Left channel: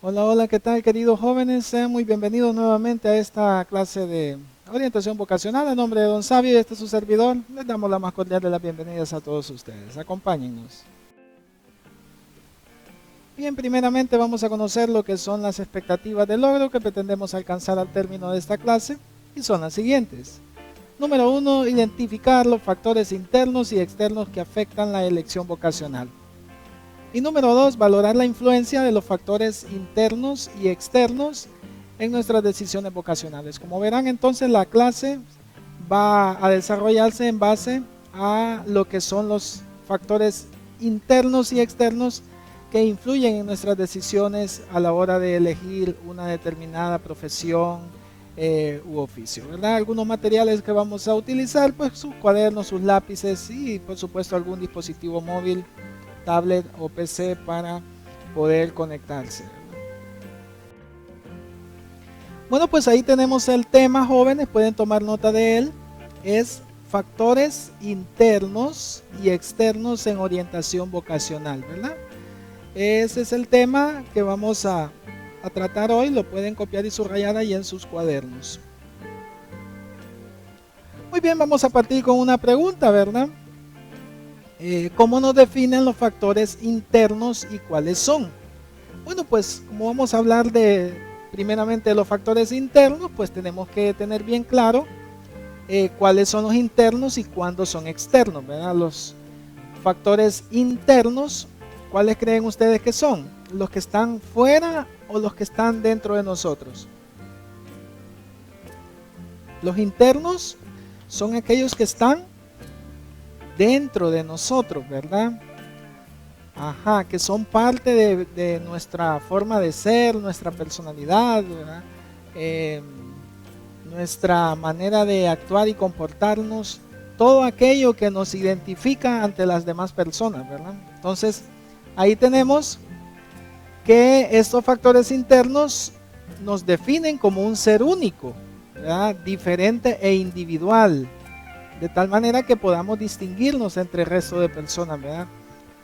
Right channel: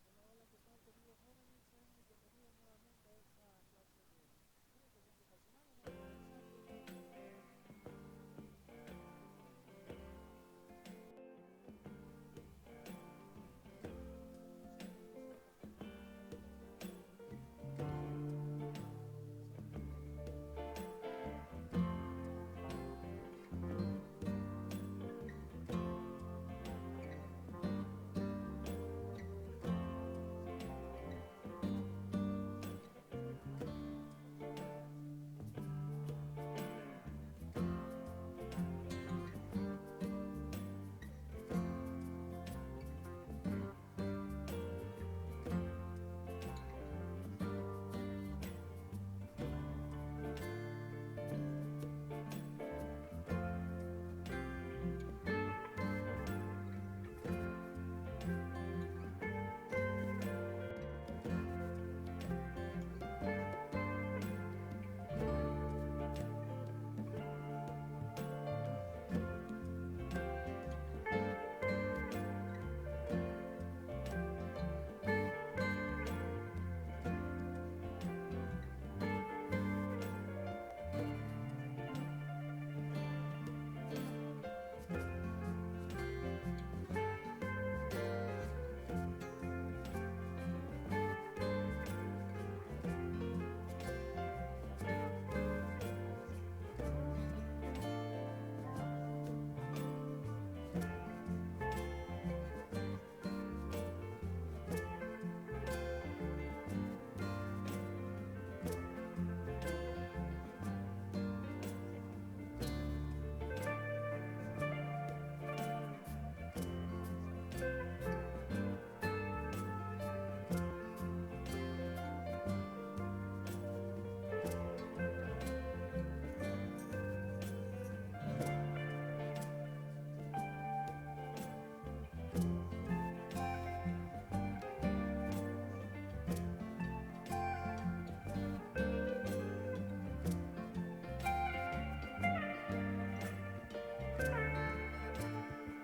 Hola, hola, ¿qué tal, queridos jóvenes? Sean muy bienvenidos nuevamente a esta clase de orientación vocacional. En nombre de Don Sabio y este es su servidor, les damos la más cordial de las bienvenidas a todos ustedes. Acompáñennos. Bien, primeramente vamos a conocer lo que son las expectativas de logro que pretendemos alcanzar al término de esta clase y son las siguientes. Número uno, identificar los factores internos y externos que afectan la elección vocacional. Y número dos, valorar la influencia de los factores internos y externos en nuestras decisiones vocacionales. Como verán, entonces la clase va a desarrollarse en base a lo que son los factores internos y externos que influyen en nuestras decisiones a la hora de elegir una determinada profesión u oficio, ¿verdad? Algunos materiales que vamos a utilizar, pues sus cuadernos, sus lápices y por supuesto algún dispositivo móvil, tablet o PC para poder conectarse. Bueno, pues ahí tenemos el tema, jóvenes, pueden tomar nota de él. Es factores internos y externos en orientación vocacional, ¿verdad? Ese es el tema que vamos a tratar hoy. Lo pueden copiar y subrayar ahí en sus cuadernos. Muy bien, vamos a partir con una pregunta, ¿verdad? ¿Cómo nos definen los factores internos y cuáles son? Bueno, pues como vamos a hablar de primeramente de los factores internos, pues tenemos que tener bien claro cuáles son los internos y cuándo son externos, ¿verdad? Los factores internos, ¿cuáles creen ustedes que son? ¿Los que están fuera o los que están dentro de nosotros? Los internos son aquellos que están dentro de nosotros, ¿verdad? Ajá, que son parte de nuestra forma de ser, nuestra personalidad, ¿verdad? Eh, Nuestra manera de actuar y comportarnos, todo aquello que nos identifica ante las demás personas, ¿verdad? Entonces, ahí tenemos que estos factores internos nos definen como un ser único, ¿verdad? Diferente e individual, de tal manera que podamos distinguirnos entre el resto de personas, ¿verdad?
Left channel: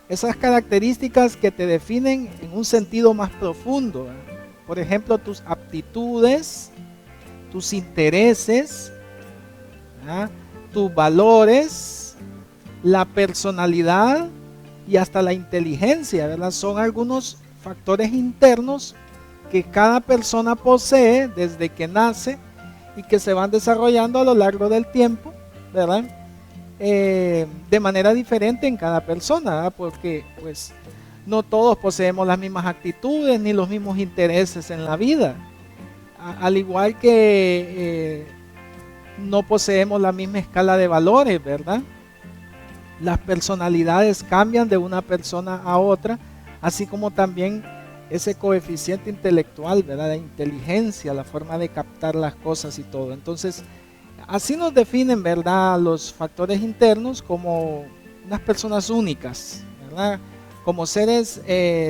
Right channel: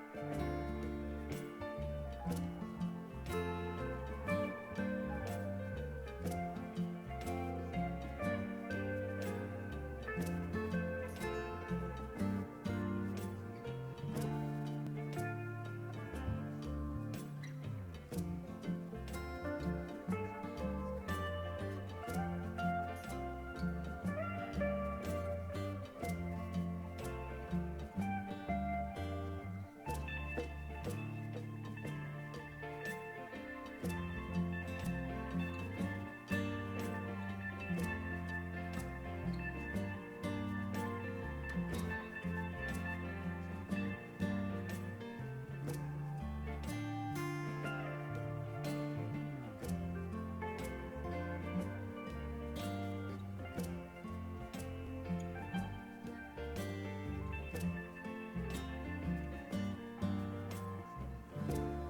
Esas características que te definen en un sentido más profundo, ¿verdad? Por ejemplo, tus aptitudes, tus intereses, ¿verdad? Tus valores, la personalidad y hasta la inteligencia, ¿verdad? Son algunos factores internos que cada persona posee desde que nace y que se van desarrollando a lo largo del tiempo, ¿verdad? De manera diferente en cada persona, ¿verdad? Porque pues no todos poseemos las mismas actitudes ni los mismos intereses en la vida, al igual que no poseemos la misma escala de valores, ¿verdad? Las personalidades cambian de una persona a otra, así como también ese coeficiente intelectual, ¿verdad? La inteligencia, la forma de captar las cosas y todo. Entonces, así nos definen, ¿verdad? Los factores internos como unas personas únicas, ¿verdad? Como seres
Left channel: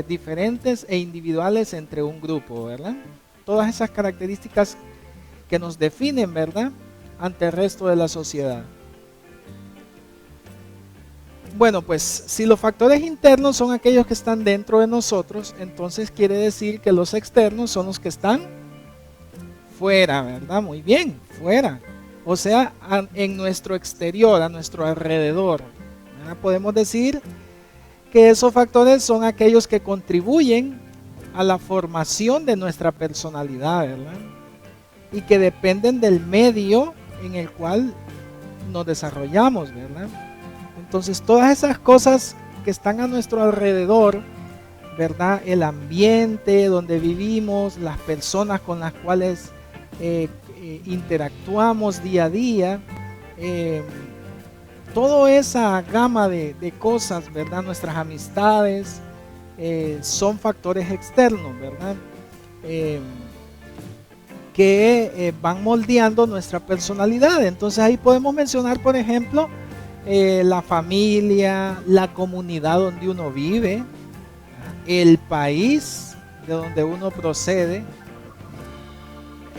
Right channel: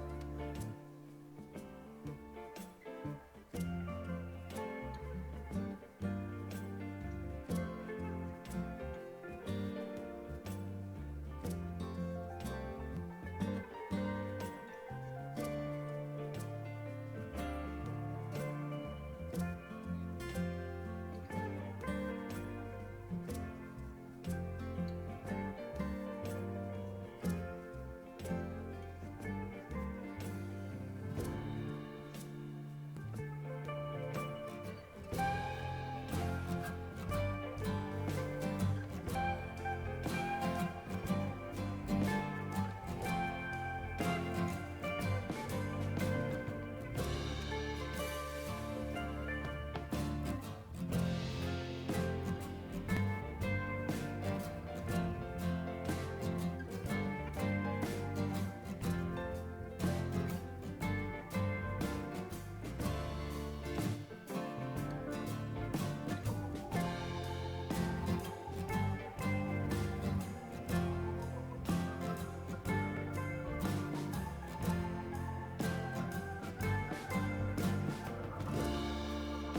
diferentes e individuales entre un grupo, ¿verdad? Todas esas características que nos definen, ¿verdad? Ante el resto de la sociedad. Bueno, pues si los factores internos son aquellos que están dentro de nosotros, entonces quiere decir que los externos son los que están fuera, ¿verdad? Muy bien, fuera. O sea, en nuestro exterior, a nuestro alrededor, ¿verdad? Podemos decir que esos factores son aquellos que contribuyen a la formación de nuestra personalidad, ¿verdad? Y que dependen del medio en el cual nos desarrollamos, ¿verdad? Entonces, todas esas cosas que están a nuestro alrededor, ¿verdad? El ambiente donde vivimos, las personas con las cuales interactuamos día a día, eh, toda esa gama de cosas, ¿verdad? Nuestras amistades son factores externos, ¿verdad? Eh, que van moldeando nuestra personalidad. Entonces ahí podemos mencionar, por ejemplo, la familia, la comunidad donde uno vive, el país de donde uno procede,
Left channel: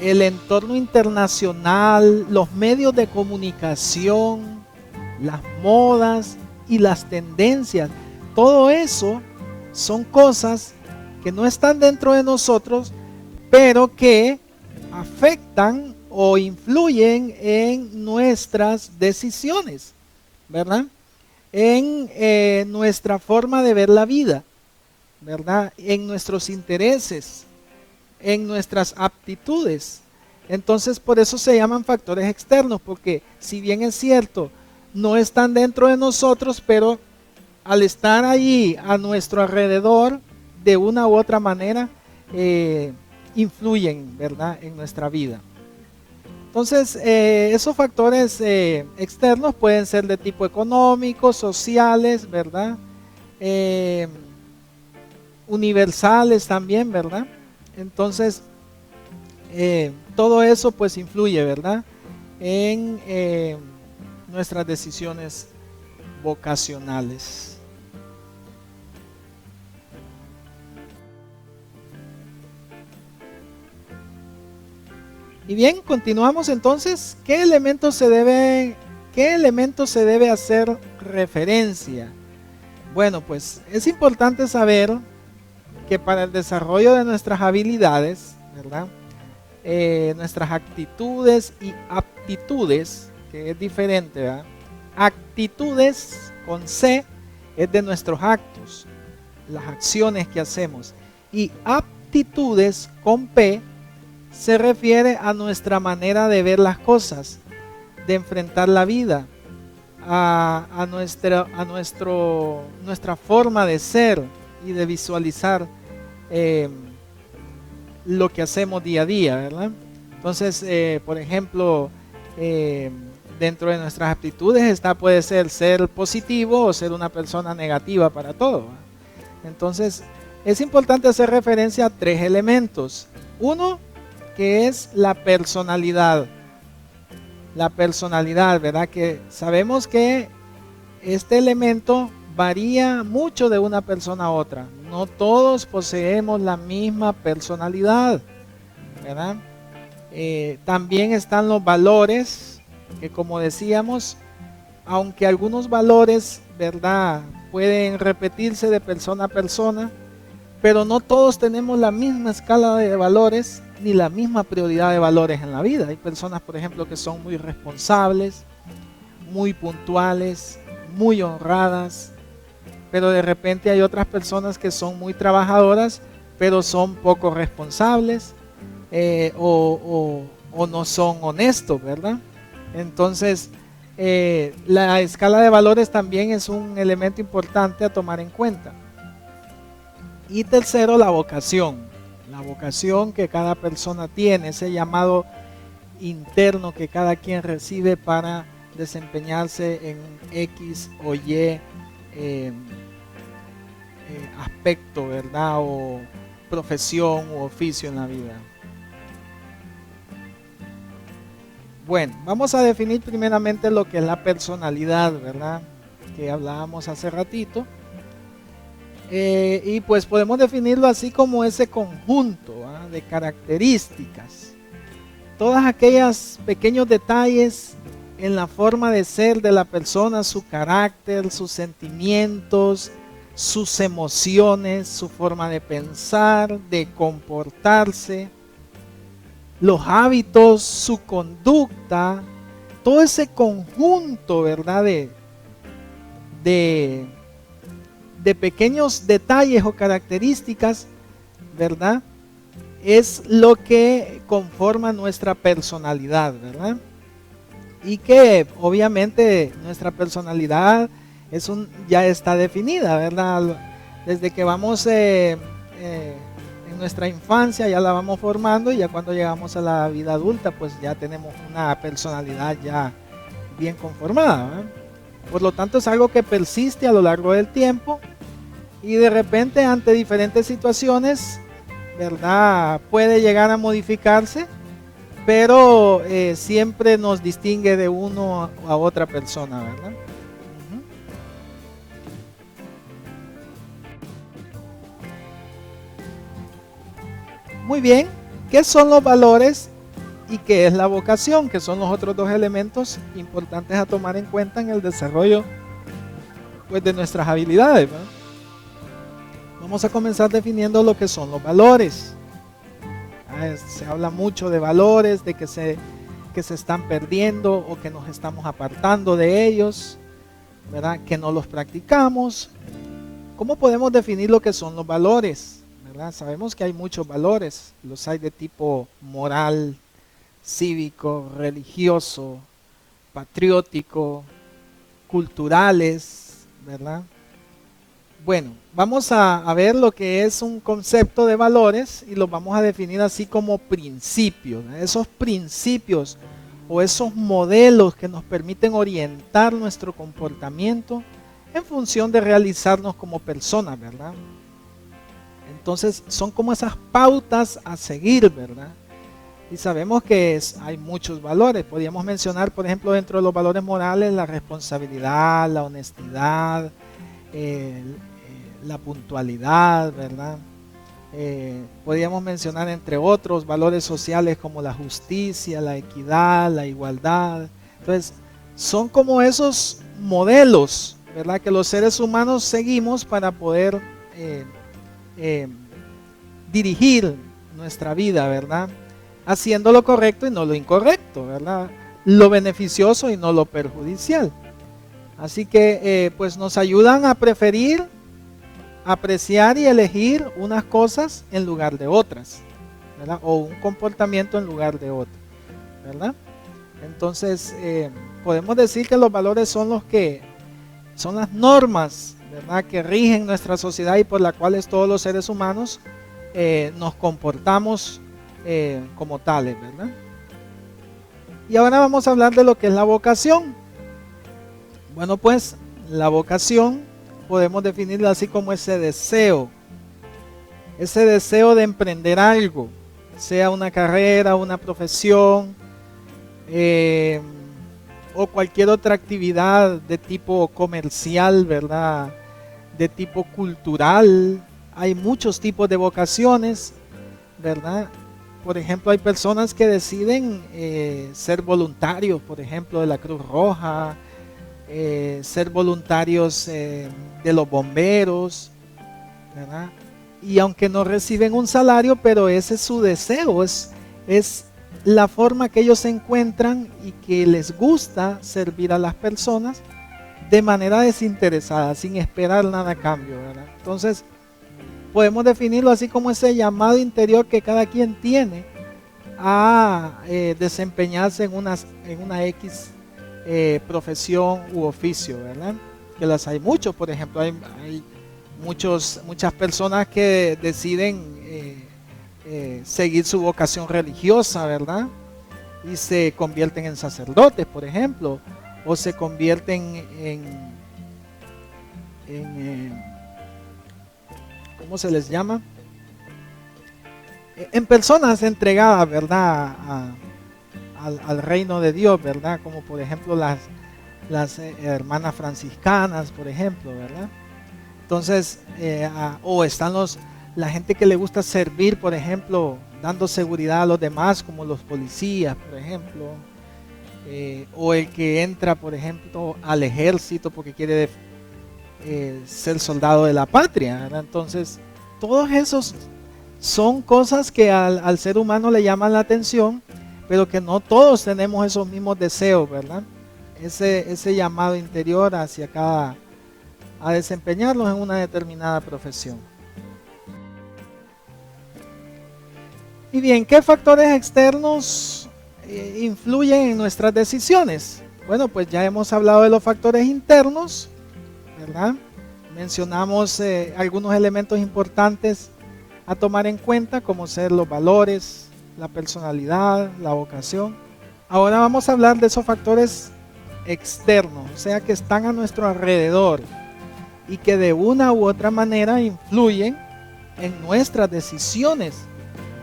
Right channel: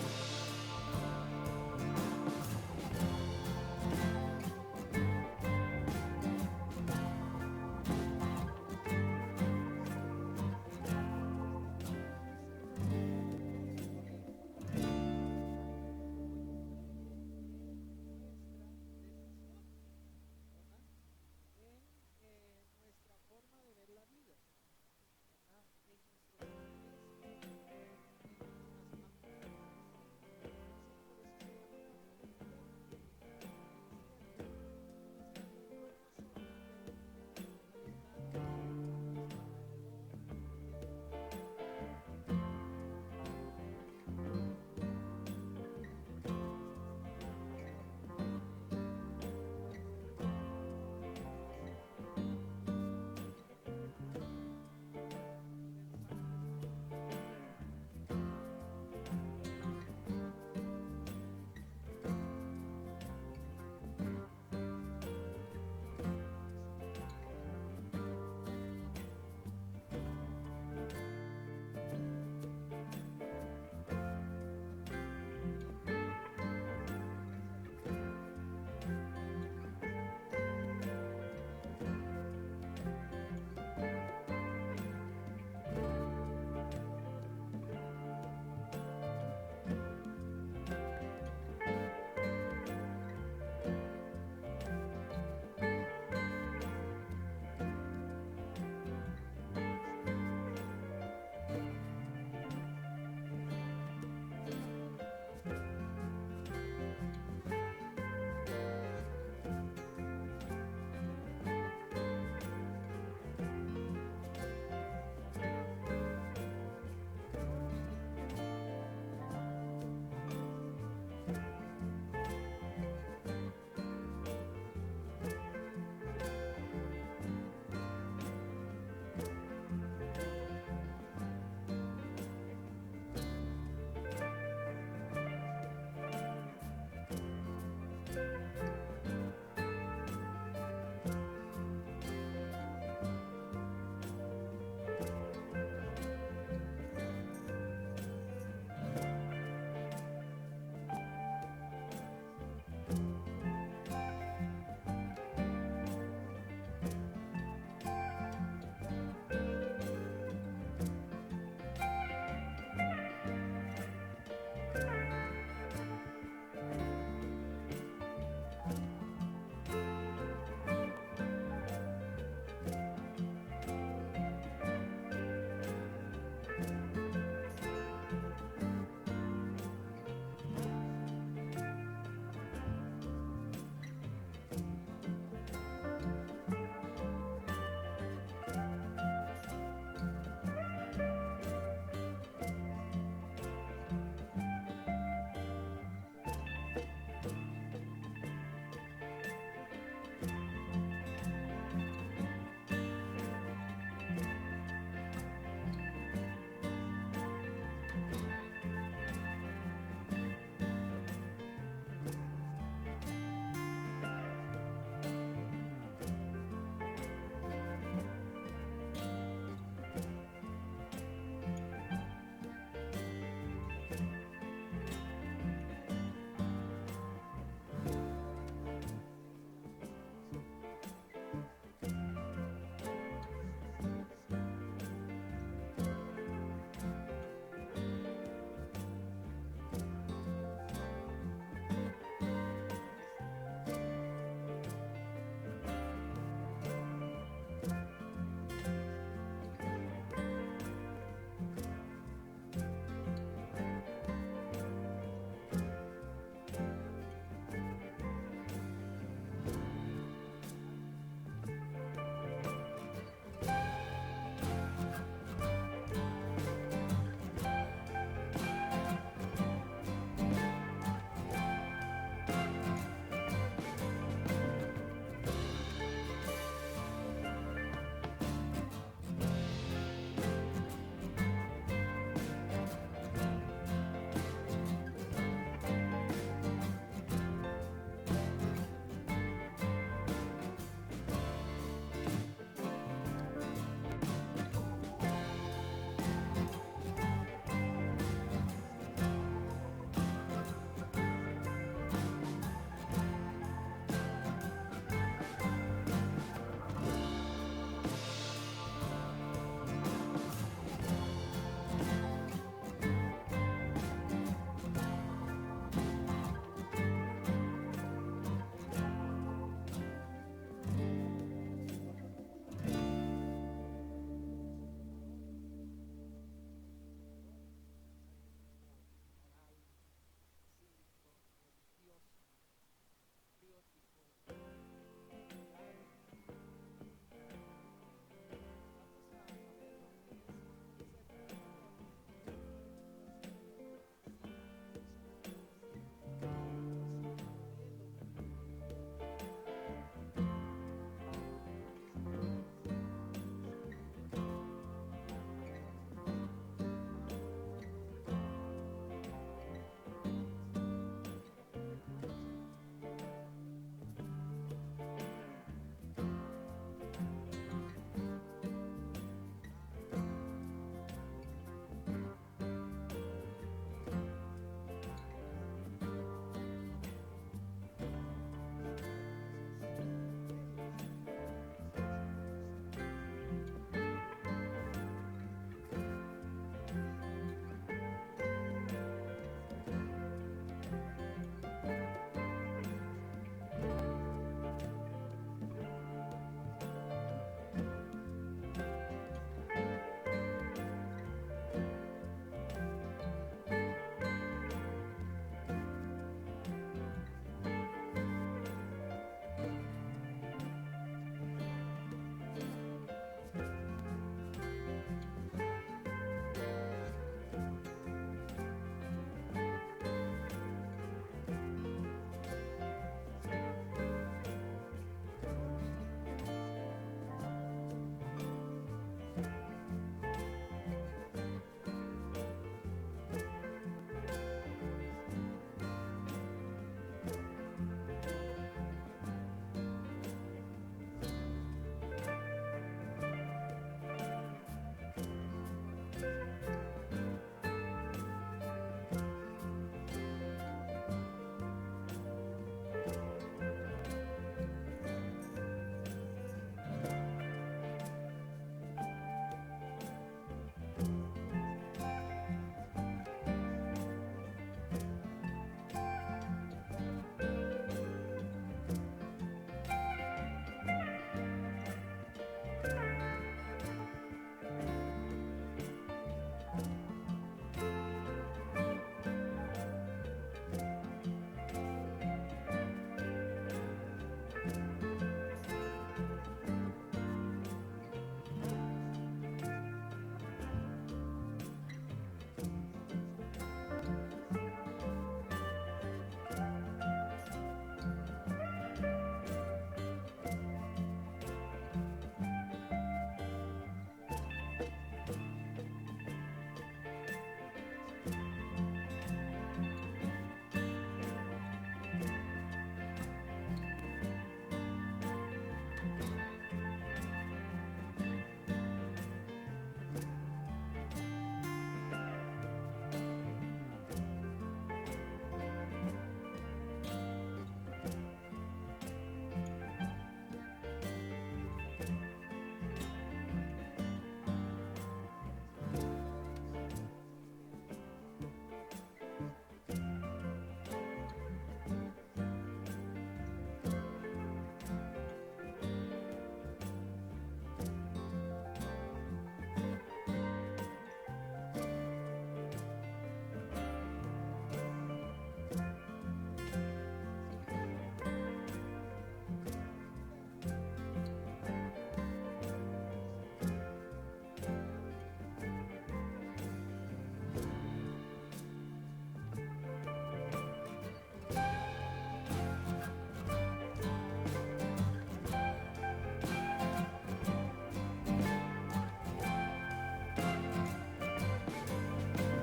el entorno internacional, los medios de comunicación, las modas y las tendencias. Todo eso son cosas que no están dentro de nosotros, pero que afectan o influyen en nuestras decisiones, ¿verdad? En nuestra forma de ver la vida, ¿verdad? En nuestros intereses, en nuestras aptitudes. Entonces, por eso se llaman factores externos, porque si bien es cierto, no están dentro de nosotros, pero al estar allí a nuestro alrededor, de una u otra manera, influyen, ¿verdad?, en nuestra vida. Entonces, esos factores externos pueden ser de tipo económico, sociales, ¿verdad? Universales también, ¿verdad? Entonces, todo eso pues influye, ¿verdad?, en nuestras decisiones vocacionales. Y bien, continuamos entonces. ¿Qué elementos se debe hacer referencia? Bueno, pues es importante saber que para el desarrollo de nuestras habilidades, ¿verdad?, nuestras actitudes y aptitudes, que es diferente, ¿verdad? Actitudes con C es de nuestros actos, las acciones que hacemos, y aptitudes con P se refiere a nuestra manera de ver las cosas, de enfrentar la vida, a nuestra forma de ser y de visualizar lo que hacemos día a día, ¿verdad? Entonces, por ejemplo, dentro de nuestras aptitudes puede ser positivo o ser una persona negativa para todo, ¿verdad? Entonces, es importante hacer referencia a 3 elementos. Uno, que es la personalidad. La personalidad, ¿verdad? Que sabemos que este elemento varía mucho de una persona a otra. No todos poseemos la misma personalidad, ¿verdad? También están los valores, que como decíamos, aunque algunos valores, ¿verdad?, pueden repetirse de persona a persona, pero no todos tenemos la misma escala de valores ni la misma prioridad de valores en la vida. Hay personas, por ejemplo, que son muy responsables, muy puntuales, muy honradas, pero de repente hay otras personas que son muy trabajadoras, pero son poco responsables, o no son honestos, ¿verdad? Entonces, la escala de valores también es un elemento importante a tomar en cuenta. Y tercero, la vocación. La vocación que cada persona tiene, ese llamado interno que cada quien recibe para desempeñarse en X o Y aspecto, ¿verdad?, o profesión u oficio en la vida. Bueno, vamos a definir primeramente lo que es la personalidad, ¿verdad?, que hablábamos hace ratito. Y pues podemos definirlo así como ese conjunto, ¿verdad?, de características. Todas aquellas pequeños detalles en la forma de ser de la persona, su carácter, sus sentimientos, sus emociones, su forma de pensar, de comportarse, los hábitos, su conducta, todo ese conjunto, ¿verdad?, de pequeños detalles o características, ¿verdad?, es lo que conforma nuestra personalidad, ¿verdad? Y que obviamente nuestra personalidad ya está definida, ¿verdad? Desde que vamos en nuestra infancia ya la vamos formando, y ya cuando llegamos a la vida adulta pues ya tenemos una personalidad ya bien conformada, ¿verdad? Por lo tanto es algo que persiste a lo largo del tiempo, y de repente ante diferentes situaciones, ¿verdad?, puede llegar a modificarse, pero siempre nos distingue de uno a otra persona, ¿verdad? Muy bien, ¿qué son los valores y qué es la vocación? Que son los otros 2 elementos importantes a tomar en cuenta en el desarrollo, pues, de nuestras habilidades, ¿verdad? vamos a comenzar definiendo lo que son los valores. Se habla mucho de valores, de que se están perdiendo o que nos estamos apartando de ellos, ¿verdad? Que no los practicamos. ¿Cómo podemos definir lo que son los valores? ¿Verdad? Sabemos que hay muchos valores, los hay de tipo moral, cívico, religioso, patriótico, culturales, ¿verdad? Bueno, vamos a ver lo que es un concepto de valores y los vamos a definir así como principios, ¿verdad? Esos principios o esos modelos que nos permiten orientar nuestro comportamiento en función de realizarnos como personas, ¿verdad? Entonces son como esas pautas a seguir, ¿verdad? Y sabemos que hay muchos valores. Podríamos mencionar, por ejemplo, dentro de los valores morales, la responsabilidad, la honestidad, la puntualidad, ¿verdad? Podríamos mencionar, entre otros, valores sociales como la justicia, la equidad, la igualdad. Entonces, son como esos modelos, ¿verdad?, que los seres humanos seguimos para poder dirigir nuestra vida, ¿verdad?, haciendo lo correcto y no lo incorrecto, ¿verdad?, lo beneficioso y no lo perjudicial. Así que pues nos ayudan a preferir, apreciar y elegir unas cosas en lugar de otras, ¿verdad?, o un comportamiento en lugar de otro, ¿verdad? Entonces podemos decir que los valores son las normas, ¿verdad?, que rigen nuestra sociedad y por las cuales todos los seres humanos nos comportamos como tales, ¿verdad? Y ahora vamos a hablar de lo que es la vocación. Bueno, pues la vocación podemos definirla así como ese deseo de emprender algo, sea una carrera, una profesión, o cualquier otra actividad de tipo comercial, ¿verdad?, de tipo cultural. Hay muchos tipos de vocaciones, ¿verdad? Por ejemplo, hay personas que deciden ser voluntarios, por ejemplo, de la Cruz Roja, ser voluntarios de los bomberos, ¿verdad? Y aunque no reciben un salario, pero ese es su deseo, es la forma que ellos se encuentran y que les gusta servir a las personas de manera desinteresada, sin esperar nada a cambio, ¿verdad? Entonces, podemos definirlo así como ese llamado interior que cada quien tiene a desempeñarse en una X profesión u oficio, ¿verdad? Que las hay muchos. Por ejemplo, hay muchas personas que deciden seguir su vocación religiosa, ¿verdad?, y se convierten en sacerdotes, por ejemplo, o se convierten en ¿cómo se les llama?, en personas entregadas, ¿verdad?, al reino de Dios, ¿verdad?, como por ejemplo las hermanas franciscanas, por ejemplo, ¿verdad? Entonces, o están la gente que le gusta servir, por ejemplo, dando seguridad a los demás, como los policías, por ejemplo, o el que entra, por ejemplo, al ejército porque quiere ser soldado de la patria, ¿verdad? Entonces, todos esos son cosas que al ser humano le llaman la atención, pero que no todos tenemos esos mismos deseos, ¿verdad? Ese llamado interior a desempeñarnos en una determinada profesión. Y bien, ¿qué factores externos influyen en nuestras decisiones? Bueno, pues ya hemos hablado de los factores internos, ¿verdad? Mencionamos algunos elementos importantes a tomar en cuenta, como ser los valores, la personalidad, la vocación. Ahora vamos a hablar de esos factores externos, o sea, que están a nuestro alrededor y que de una u otra manera influyen en nuestras decisiones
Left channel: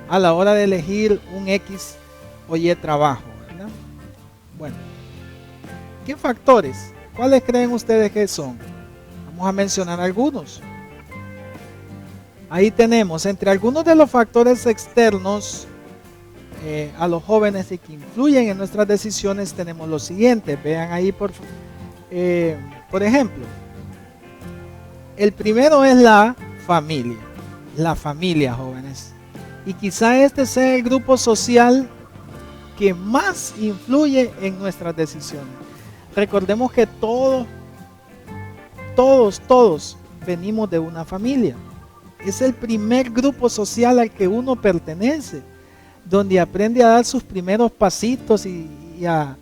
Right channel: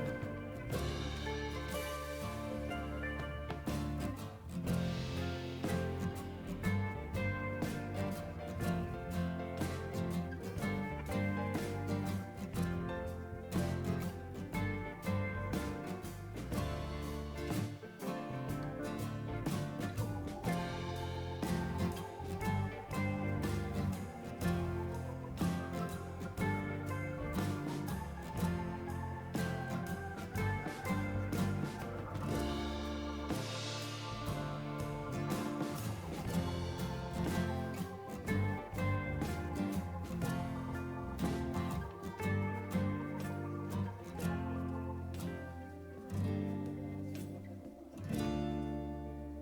a la hora de elegir un X o Y trabajo, ¿verdad? Bueno, ¿qué factores? ¿Cuáles creen ustedes que son? Vamos a mencionar algunos. Ahí tenemos, entre algunos de los factores externos a los jóvenes y que influyen en nuestras decisiones, tenemos los siguientes. Vean ahí, por ejemplo, el primero es la familia. La familia, jóvenes. Y quizá este sea el grupo social que más influye en nuestras decisiones. Recordemos que todos venimos de una familia. Es el primer grupo social al que uno pertenece, donde aprende a dar sus primeros pasitos y a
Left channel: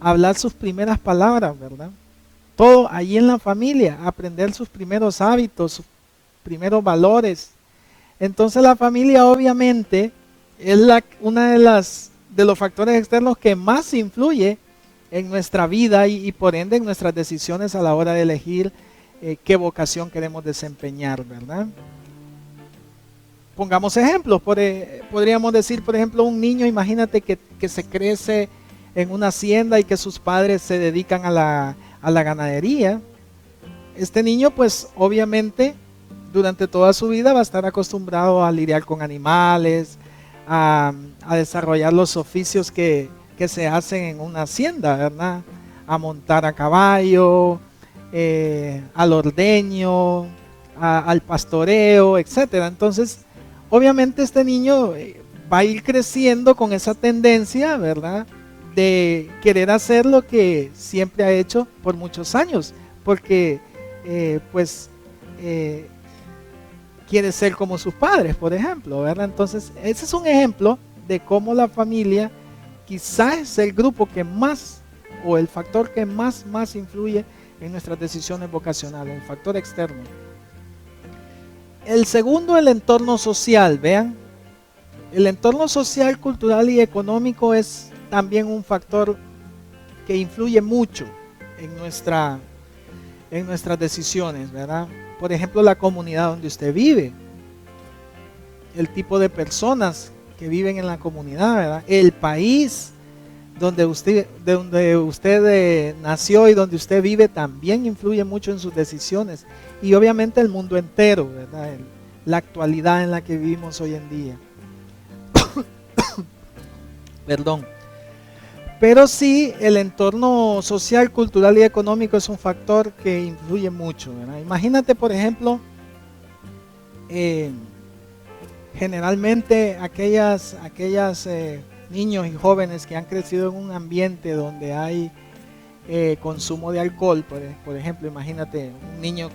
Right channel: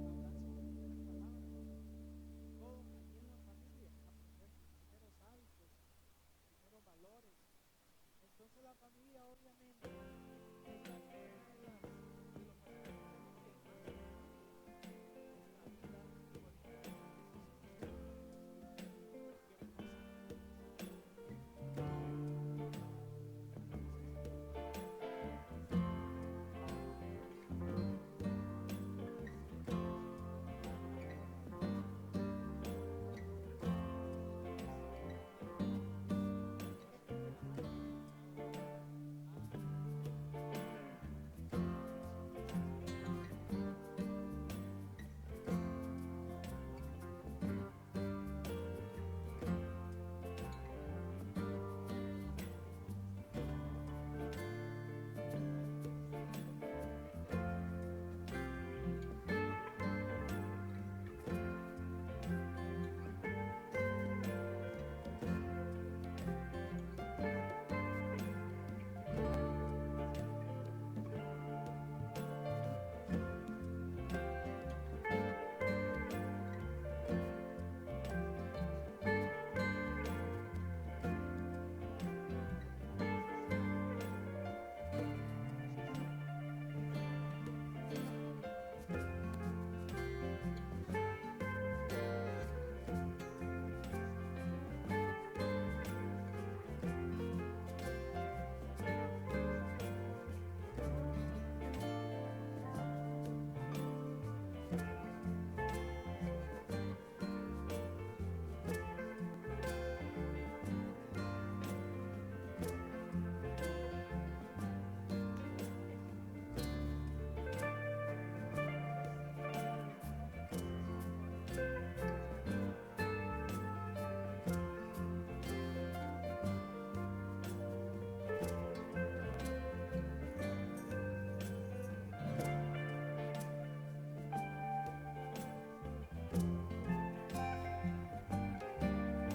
hablar sus primeras palabras, ¿verdad? Todo allí en la familia, aprender sus primeros hábitos, sus primeros valores. Entonces la familia obviamente es una de los factores externos que más influye en nuestra vida y por ende en nuestras decisiones a la hora de elegir qué vocación queremos desempeñar, ¿verdad? Pongamos ejemplos, podríamos decir, por ejemplo, un niño, imagínate que se crece en una hacienda y que sus padres se dedican a la ganadería. Este niño pues obviamente durante toda su vida va a estar acostumbrado a lidiar con animales, a desarrollar los oficios que se hacen en una hacienda, ¿verdad? A montar a caballo, al ordeño, al pastoreo, etcétera. Entonces, obviamente este niño va a ir creciendo con esa tendencia, ¿verdad? De querer hacer lo que siempre ha hecho por muchos años, porque quiere ser como sus padres, por ejemplo, ¿verdad? Entonces, ese es un ejemplo de cómo la familia quizás es el grupo que más, o el factor que más influye en nuestras decisiones vocacionales, el factor externo. El segundo, el entorno social, vean. El entorno social, cultural y económico es también un factor que influye mucho en nuestras decisiones, ¿verdad? Por ejemplo, la comunidad donde usted vive, el tipo de personas que viven en la comunidad, ¿verdad? El país donde usted nació y donde usted vive también influye mucho en sus decisiones. Y obviamente el mundo entero, ¿verdad? La actualidad en la que vivimos hoy en día. Perdón. Pero sí, el entorno social, cultural y económico es un factor que influye mucho, ¿verdad? Imagínate, por ejemplo, generalmente aquellas niños y jóvenes que han crecido en un ambiente donde hay consumo de alcohol, por ejemplo, imagínate un niño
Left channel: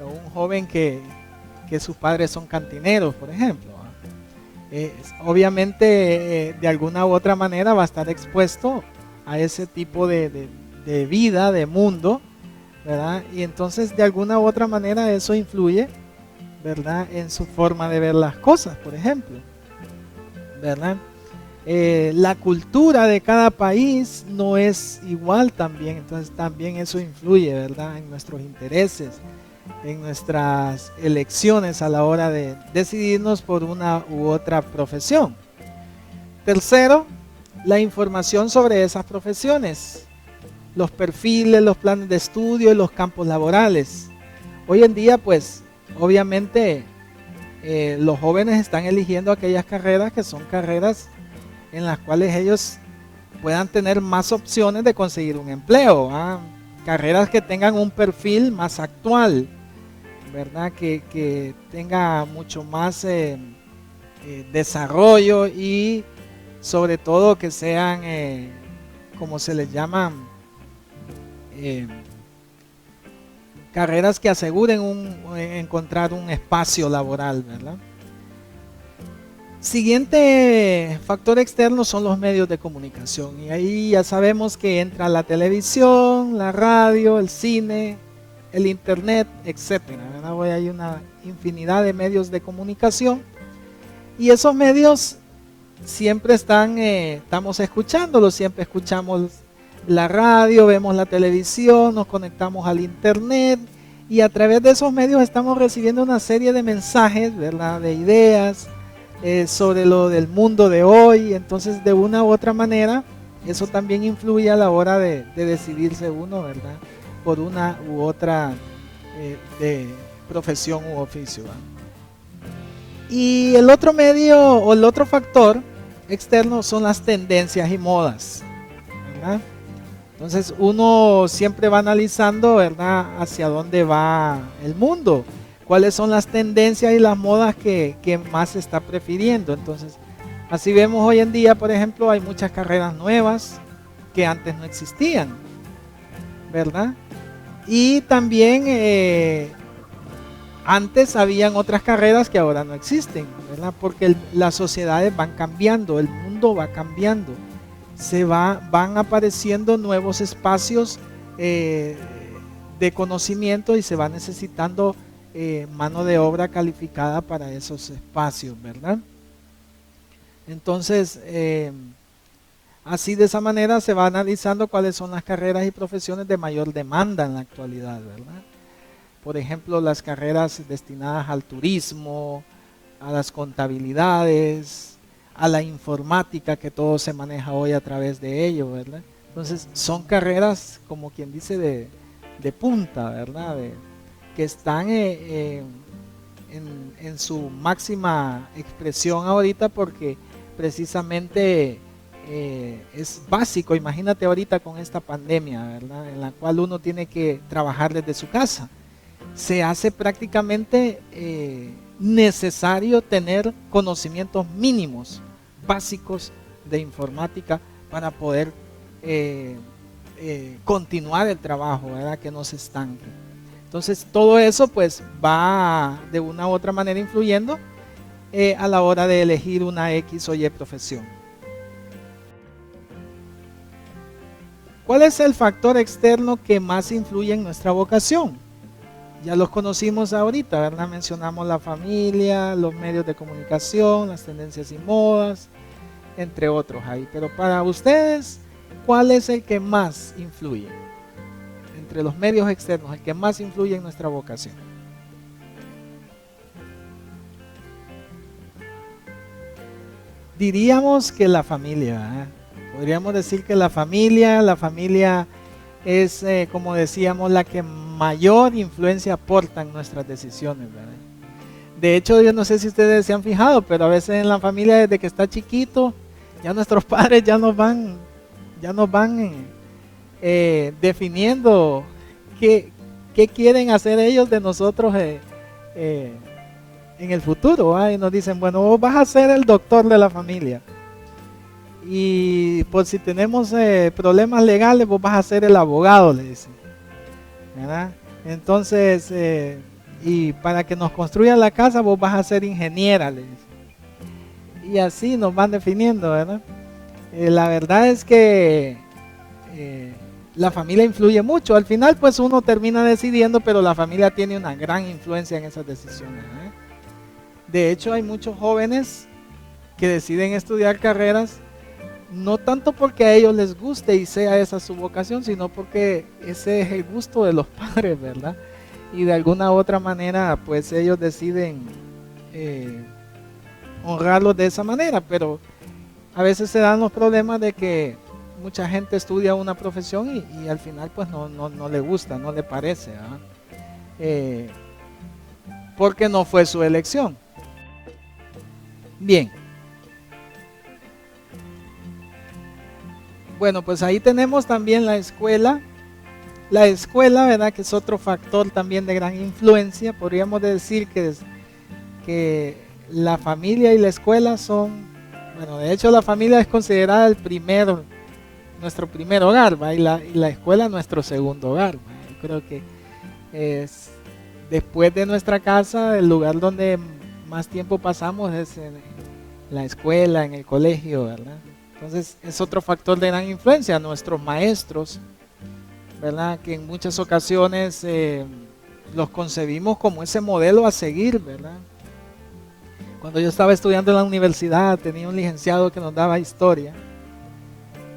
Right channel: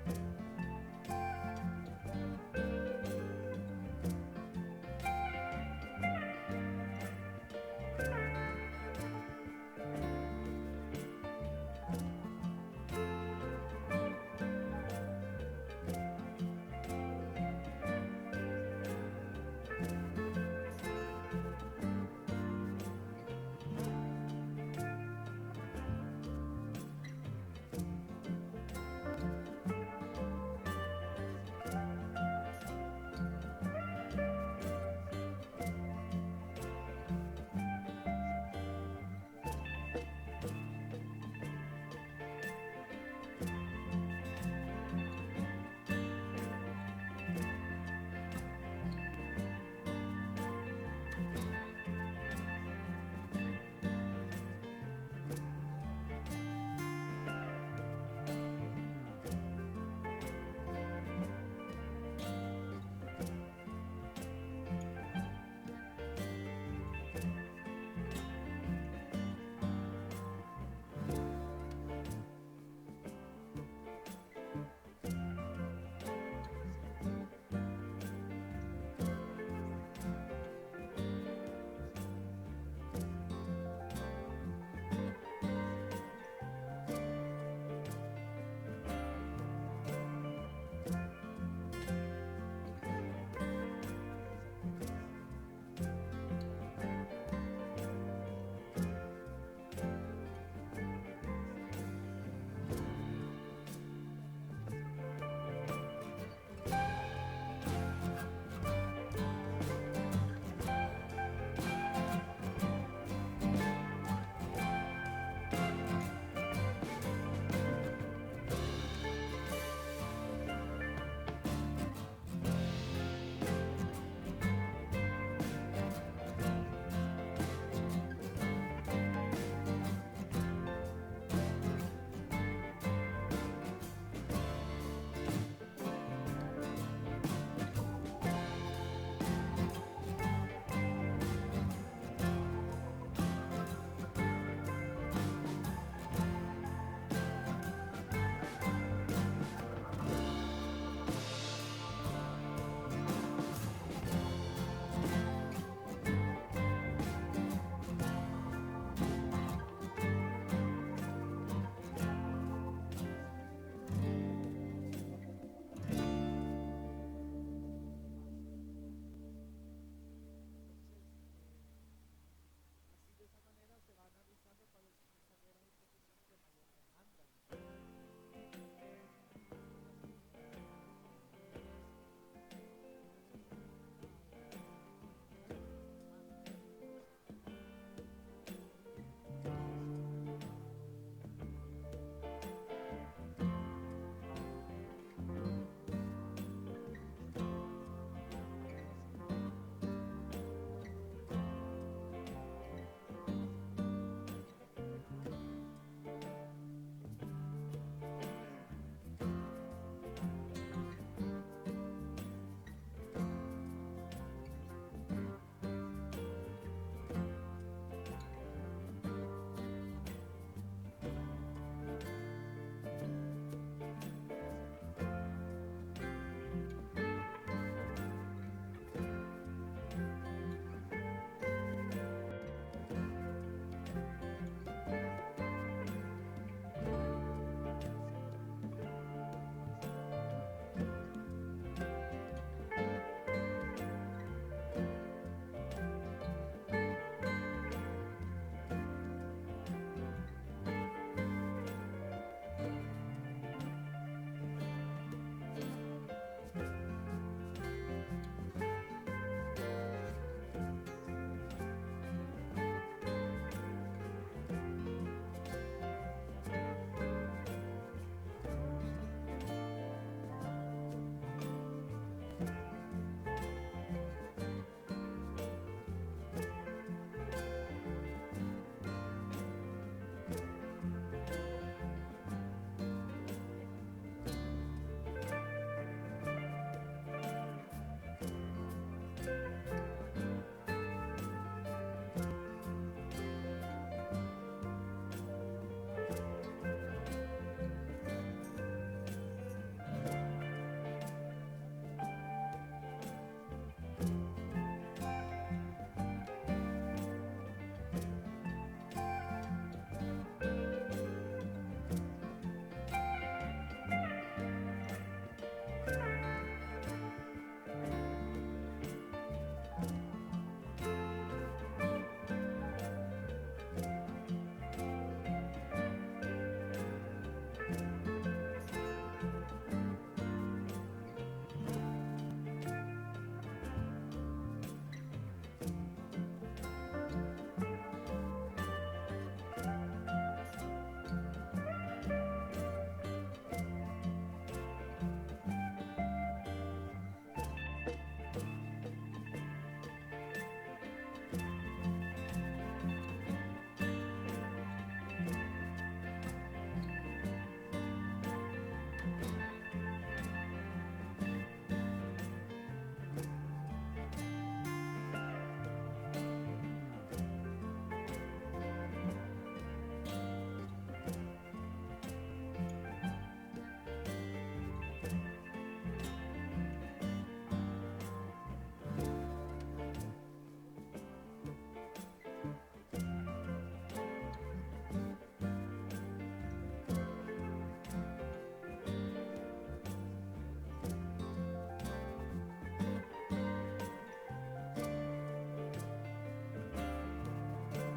o un joven que sus padres son cantineros, por ejemplo. Obviamente de alguna u otra manera va a estar expuesto a ese tipo de vida, de mundo, ¿verdad? Y entonces de alguna u otra manera eso influye, ¿verdad? En su forma de ver las cosas, por ejemplo, ¿verdad? La cultura de cada país no es igual también, entonces también eso influye, ¿verdad? En nuestros intereses, en nuestras elecciones a la hora de decidirnos por una u otra profesión. Tercero, la información sobre esas profesiones, los perfiles, los planes de estudio y los campos laborales. Hoy en día, pues, obviamente, los jóvenes están eligiendo aquellas carreras que son carreras en las cuales ellos puedan tener más opciones de conseguir un empleo, ¿ah? Carreras que tengan un perfil más actual, ¿verdad? Que tenga mucho más desarrollo y sobre todo que sean, como se les llama, carreras que aseguren encontrar un espacio laboral, ¿verdad? Siguiente factor externo son los medios de comunicación, y ahí ya sabemos que entra la televisión, la radio, el cine, el internet, etcétera, ¿verdad? Hoy hay una infinidad de medios de comunicación y esos medios siempre estamos escuchándolos, siempre escuchamos la radio, vemos la televisión, nos conectamos al internet y a través de esos medios estamos recibiendo una serie de mensajes, ¿verdad? De ideas sobre lo del mundo de hoy. Entonces de una u otra manera eso también influye a la hora de decidirse uno, ¿verdad? Por una u otra de profesión u oficio. Y el otro medio o el otro factor externo son las tendencias y modas, ¿verdad? Entonces uno siempre va analizando, ¿verdad?, hacia dónde va el mundo. cuáles son las tendencias y las modas que más se está prefiriendo. Entonces, así vemos hoy en día, por ejemplo, hay muchas carreras nuevas que antes no existían, ¿verdad? Y también antes habían otras carreras que ahora no existen, ¿verdad? Porque las sociedades van cambiando, el mundo va cambiando, van apareciendo nuevos espacios de conocimiento y se va necesitando mano de obra calificada para esos espacios, ¿verdad? Entonces, así de esa manera se va analizando cuáles son las carreras y profesiones de mayor demanda en la actualidad, ¿verdad? Por ejemplo, las carreras destinadas al turismo, a las contabilidades, a la informática, que todo se maneja hoy a través de ello, ¿verdad? Entonces, son carreras, como quien dice, de punta, ¿verdad? Que están en su máxima expresión ahorita, porque precisamente es básico. Imagínate ahorita con esta pandemia, ¿verdad? En la cual uno tiene que trabajar desde su casa. Se hace prácticamente necesario tener conocimientos mínimos, básicos de informática para poder continuar el trabajo, ¿verdad? Que no se estanque. Entonces todo eso pues va de una u otra manera influyendo a la hora de elegir una X o Y profesión. ¿Cuál es el factor externo que más influye en nuestra vocación? Ya los conocimos ahorita, ¿verdad? Mencionamos la familia, los medios de comunicación, las tendencias y modas, entre otros ahí. Pero para ustedes, ¿cuál es el que más influye? Entre los medios externos, el que más influye en nuestra vocación. Diríamos que la familia, ¿eh? Podríamos decir que la familia es, como decíamos, la que mayor influencia aporta en nuestras decisiones, ¿verdad? De hecho, yo no sé si ustedes se han fijado, pero a veces en la familia, desde que está chiquito, ya nuestros padres ya nos van definiendo qué quieren hacer ellos de nosotros en el futuro, ¿eh? Y nos dicen, bueno, vos vas a ser el doctor de la familia, y por si tenemos problemas legales, vos vas a ser el abogado, le dicen, ¿verdad? Entonces, y para que nos construyan la casa, vos vas a ser ingeniera, le dicen. Y así nos van definiendo, ¿verdad? La verdad es que la familia influye mucho. Al final, pues uno termina decidiendo, pero la familia tiene una gran influencia en esas decisiones, ¿eh? De hecho, hay muchos jóvenes que deciden estudiar carreras no tanto porque a ellos les guste y sea esa su vocación, sino porque ese es el gusto de los padres, ¿verdad? Y de alguna u otra manera, pues ellos deciden honrarlos de esa manera, pero a veces se dan los problemas de que mucha gente estudia una profesión y al final pues no le gusta, no le parece, ¿verdad? Porque no fue su elección. Bien. Bueno, pues ahí tenemos también la escuela. La escuela, ¿verdad? Que es otro factor también de gran influencia. Podríamos decir que la familia y la escuela son, bueno, de hecho la familia es considerada nuestro primer hogar, ¿va? Y la escuela nuestro segundo hogar, ¿va? Yo creo que es después de nuestra casa, el lugar donde más tiempo pasamos es en la escuela, en el colegio, ¿verdad? Entonces es otro factor de gran influencia. Nuestros maestros, ¿verdad? Que en muchas ocasiones los concebimos como ese modelo a seguir, ¿verdad? Cuando yo estaba estudiando en la universidad, tenía un licenciado que nos daba historia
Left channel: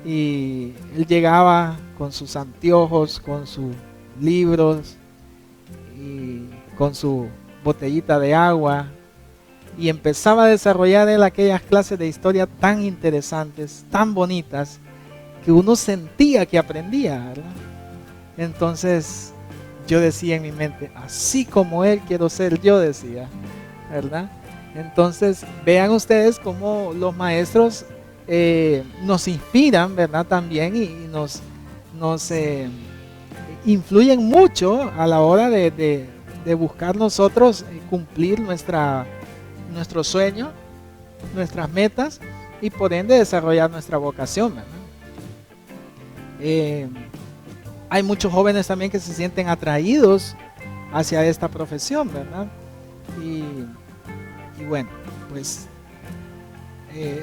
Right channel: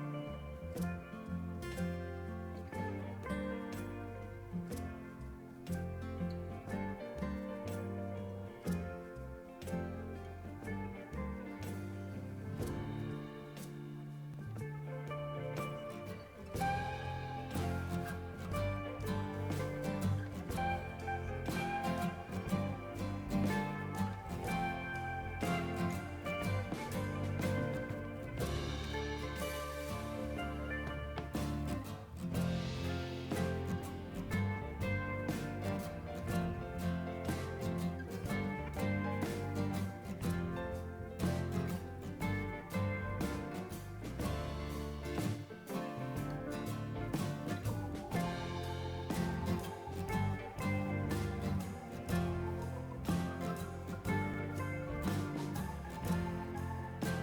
y él llegaba con sus anteojos, con sus libros y con su botellita de agua, y empezaba a desarrollar él aquellas clases de historia tan interesantes, tan bonitas, que uno sentía que aprendía, ¿verdad? Entonces yo decía en mi mente, así como él quiero ser yo, decía, ¿verdad? Entonces vean ustedes cómo los maestros nos inspiran, ¿verdad? También y nos influyen mucho a la hora de de buscar nosotros cumplir nuestro sueño, nuestras metas y por ende desarrollar nuestra vocación, ¿verdad? Hay muchos jóvenes también que se sienten atraídos hacia esta profesión, ¿verdad? Y bueno, pues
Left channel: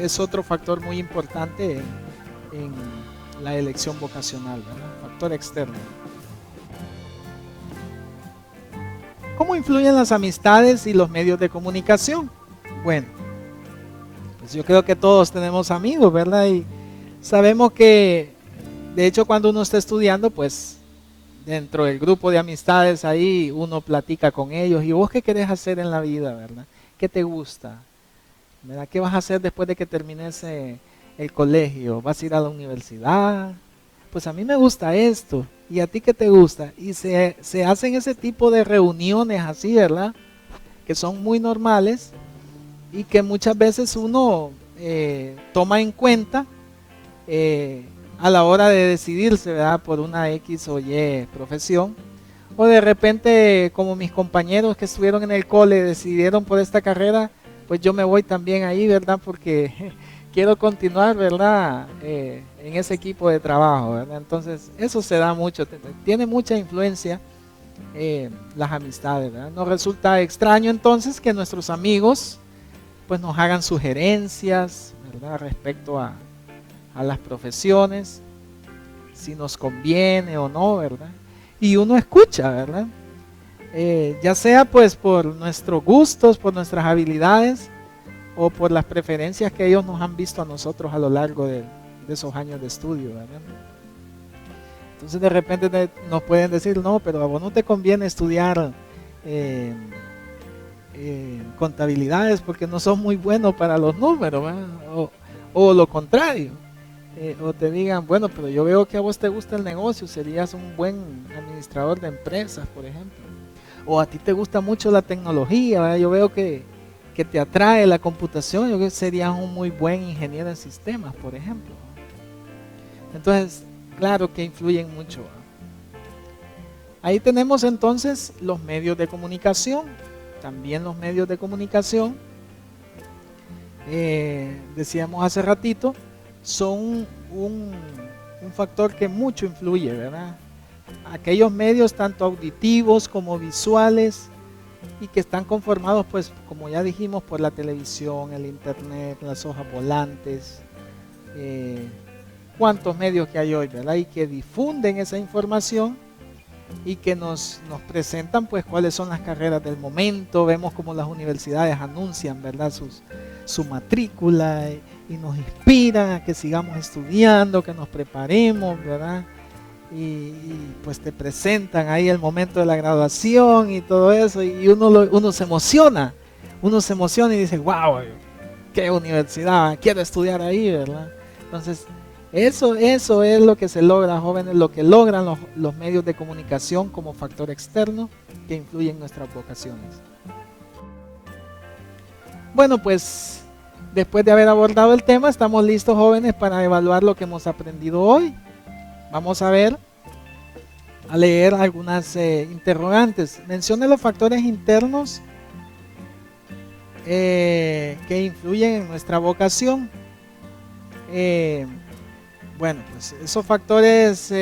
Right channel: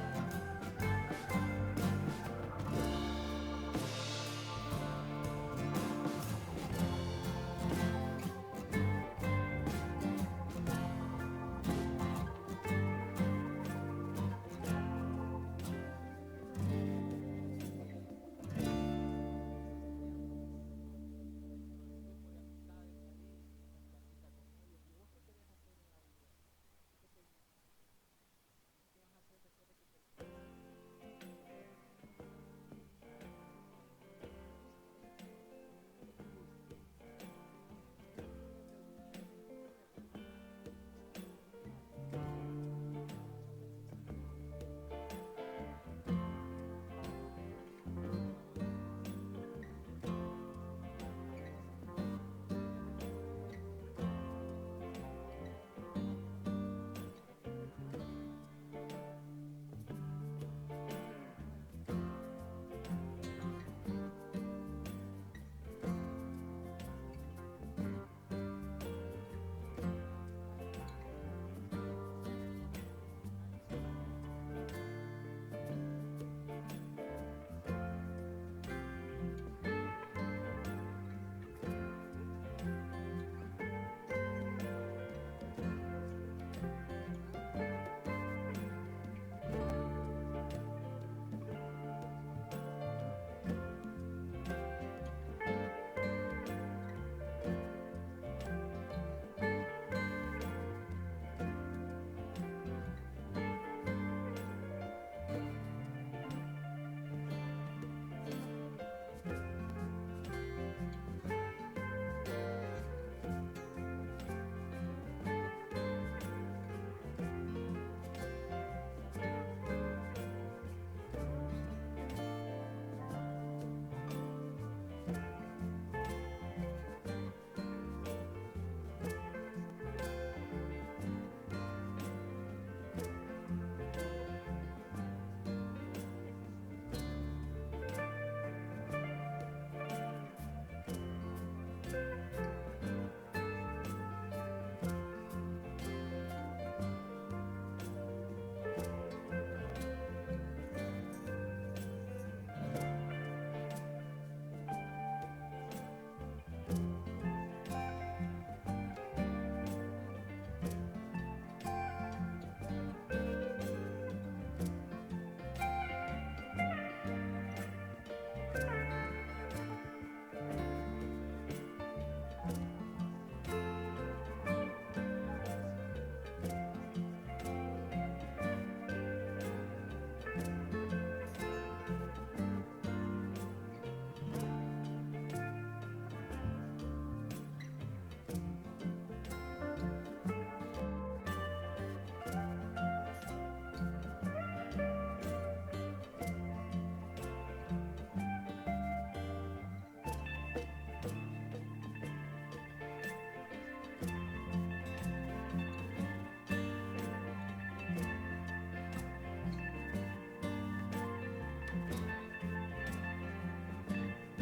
es otro factor muy importante en la elección vocacional, ¿verdad? Factor externo. ¿Cómo influyen las amistades y los medios de comunicación? Bueno, pues yo creo que todos tenemos amigos, ¿verdad? Y sabemos que, de hecho, cuando uno está estudiando, pues dentro del grupo de amistades ahí uno platica con ellos. ¿Y vos qué querés hacer en la vida, verdad? ¿Qué te gusta? ¿Verdad? ¿Qué vas a hacer después de que termines el colegio? ¿Vas a ir a la universidad? Pues a mí me gusta esto. ¿Y a ti qué te gusta? Y se hacen ese tipo de reuniones así, ¿verdad? Que son muy normales y que muchas veces uno toma en cuenta a la hora de decidirse, ¿verdad? Por una X o Y profesión. O de repente, como mis compañeros que estuvieron en el cole decidieron por esta carrera, pues yo me voy también ahí, ¿verdad? Porque quiero continuar, ¿verdad? En ese equipo de trabajo, ¿verdad? Entonces, eso se da mucho, tiene mucha influencia las amistades, ¿verdad? Nos resulta extraño entonces que nuestros amigos pues nos hagan sugerencias, ¿verdad? Respecto a las profesiones, si nos conviene o no, ¿verdad? Y uno escucha, ¿verdad? Ya sea pues por nuestros gustos, por nuestras habilidades o por las preferencias que ellos nos han visto a nosotros a lo largo de esos años de estudio, ¿verdad? Entonces de repente nos pueden decir, no, pero a vos no te conviene estudiar contabilidades porque no sos muy bueno para los números, ¿verdad? O lo contrario, o te digan, bueno, pero yo veo que a vos te gusta el negocio, serías un buen administrador de empresas, por ejemplo. O a ti te gusta mucho la tecnología, ¿verdad? Yo veo que te atrae la computación, yo creo que serías un muy buen ingeniero en sistemas, por ejemplo. Entonces, claro que influyen mucho. Ahí tenemos entonces los medios de comunicación. También los medios de comunicación, decíamos hace ratito, son un factor que mucho influye, ¿verdad? Aquellos medios tanto auditivos como visuales y que están conformados, pues, como ya dijimos, por la televisión, el internet, las hojas volantes, cuántos medios que hay hoy, ¿verdad? Y que difunden esa información y que nos presentan pues cuáles son las carreras del momento. Vemos como las universidades anuncian, ¿verdad? Su matrícula y nos inspiran a que sigamos estudiando, que nos preparemos, ¿verdad? Y pues te presentan ahí el momento de la graduación y todo eso y uno se emociona y dice, wow, qué universidad, quiero estudiar ahí, ¿verdad? Entonces eso es lo que se logra, jóvenes, lo que logran los medios de comunicación como factor externo que influye en nuestras vocaciones. Bueno, pues después de haber abordado el tema, estamos listos, jóvenes, para evaluar lo que hemos aprendido hoy. Vamos a leer algunas interrogantes. Mencione los factores internos que influyen en nuestra vocación. Bueno, pues esos factores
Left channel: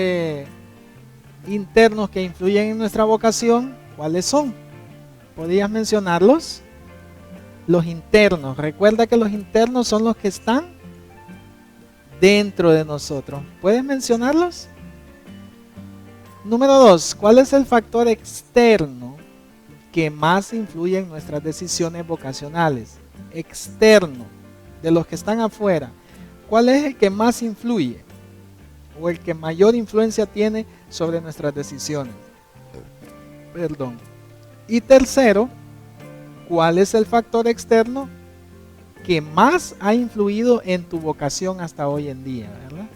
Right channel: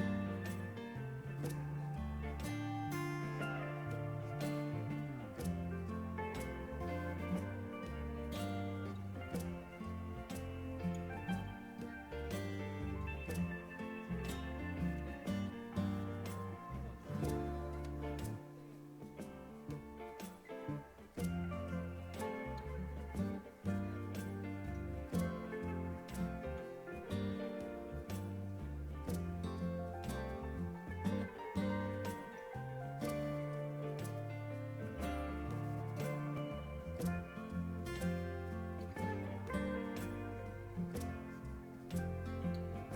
internos que influyen en nuestra vocación, ¿cuáles son? ¿Podrías mencionarlos? Los internos. Recuerda que los internos son los que están dentro de nosotros. ¿Puedes mencionarlos? Número 2. ¿Cuál es el factor externo que más influye en nuestras decisiones vocacionales? Externo, de los que están afuera. ¿Cuál es el que más influye o el que mayor influencia tiene sobre nuestras decisiones? Perdón. Y tercero, ¿cuál es el factor externo que más ha influido en tu vocación hasta hoy en día, ¿verdad?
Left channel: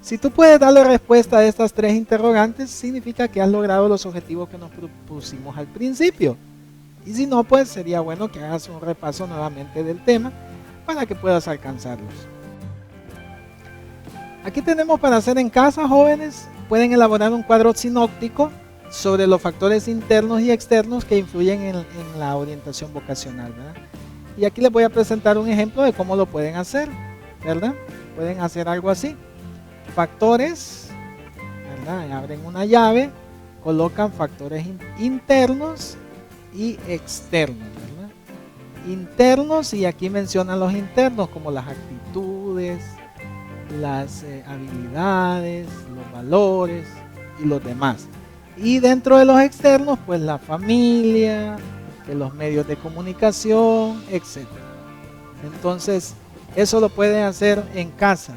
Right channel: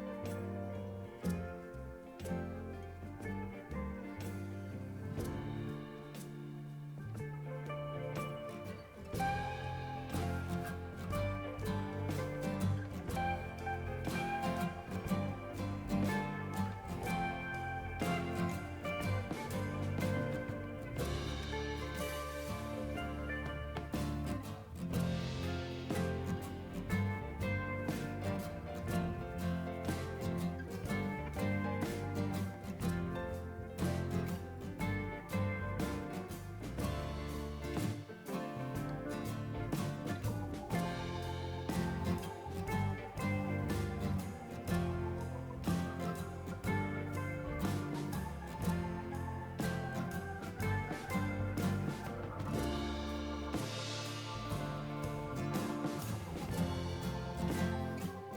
Si tú puedes darle respuesta a estas tres interrogantes, significa que has logrado los objetivos que nos propusimos al principio. Y si no, pues sería bueno que hagas un repaso nuevamente del tema para que puedas alcanzarlos. Aquí tenemos para hacer en casa, jóvenes. Pueden elaborar un cuadro sinóptico sobre los factores internos y externos que influyen en la orientación vocacional, ¿verdad? Y aquí les voy a presentar un ejemplo de cómo lo pueden hacer, ¿verdad? Pueden hacer algo así. Factores, ¿verdad? Abren una llave, colocan factores internos y externos, ¿verdad? Internos, y aquí mencionan los internos como las actitudes, las habilidades, los valores y los demás. Y dentro de los externos, pues la familia, los medios de comunicación, etc. Entonces, eso lo pueden hacer en casa,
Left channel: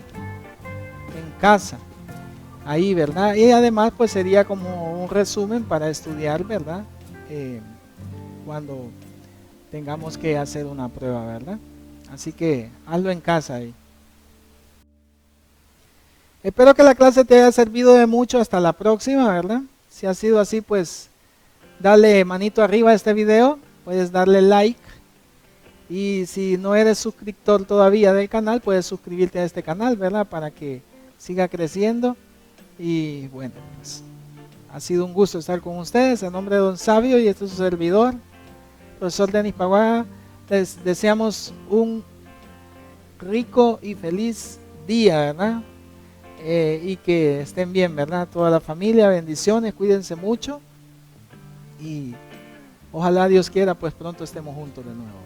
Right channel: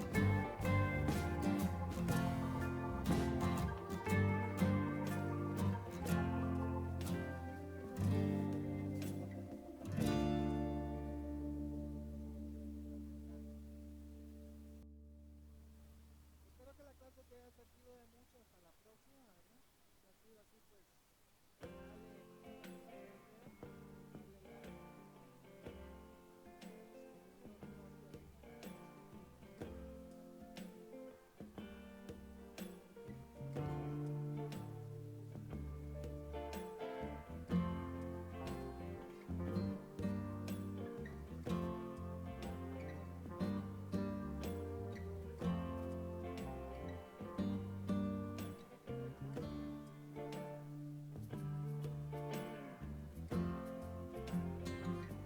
ahí, ¿verdad? Y además, pues sería como un resumen para estudiar, ¿verdad? Cuando tengamos que hacer una prueba, ¿verdad? Así que hazlo en casa ahí. Espero que la clase te haya servido de mucho. Hasta la próxima, ¿verdad? Si ha sido así, pues dale manito arriba a este video, puedes darle like, y si no eres suscriptor todavía del canal, puedes suscribirte a este canal, ¿verdad? Para que siga creciendo. Y bueno, pues ha sido un gusto estar con ustedes. En nombre de Don Sabio y este es su servidor, profesor Denis Paguaga, les deseamos un rico y feliz día, ¿verdad? Y que estén bien, ¿verdad? Toda la familia, bendiciones, cuídense mucho y ojalá Dios quiera, pues pronto estemos juntos de nuevo.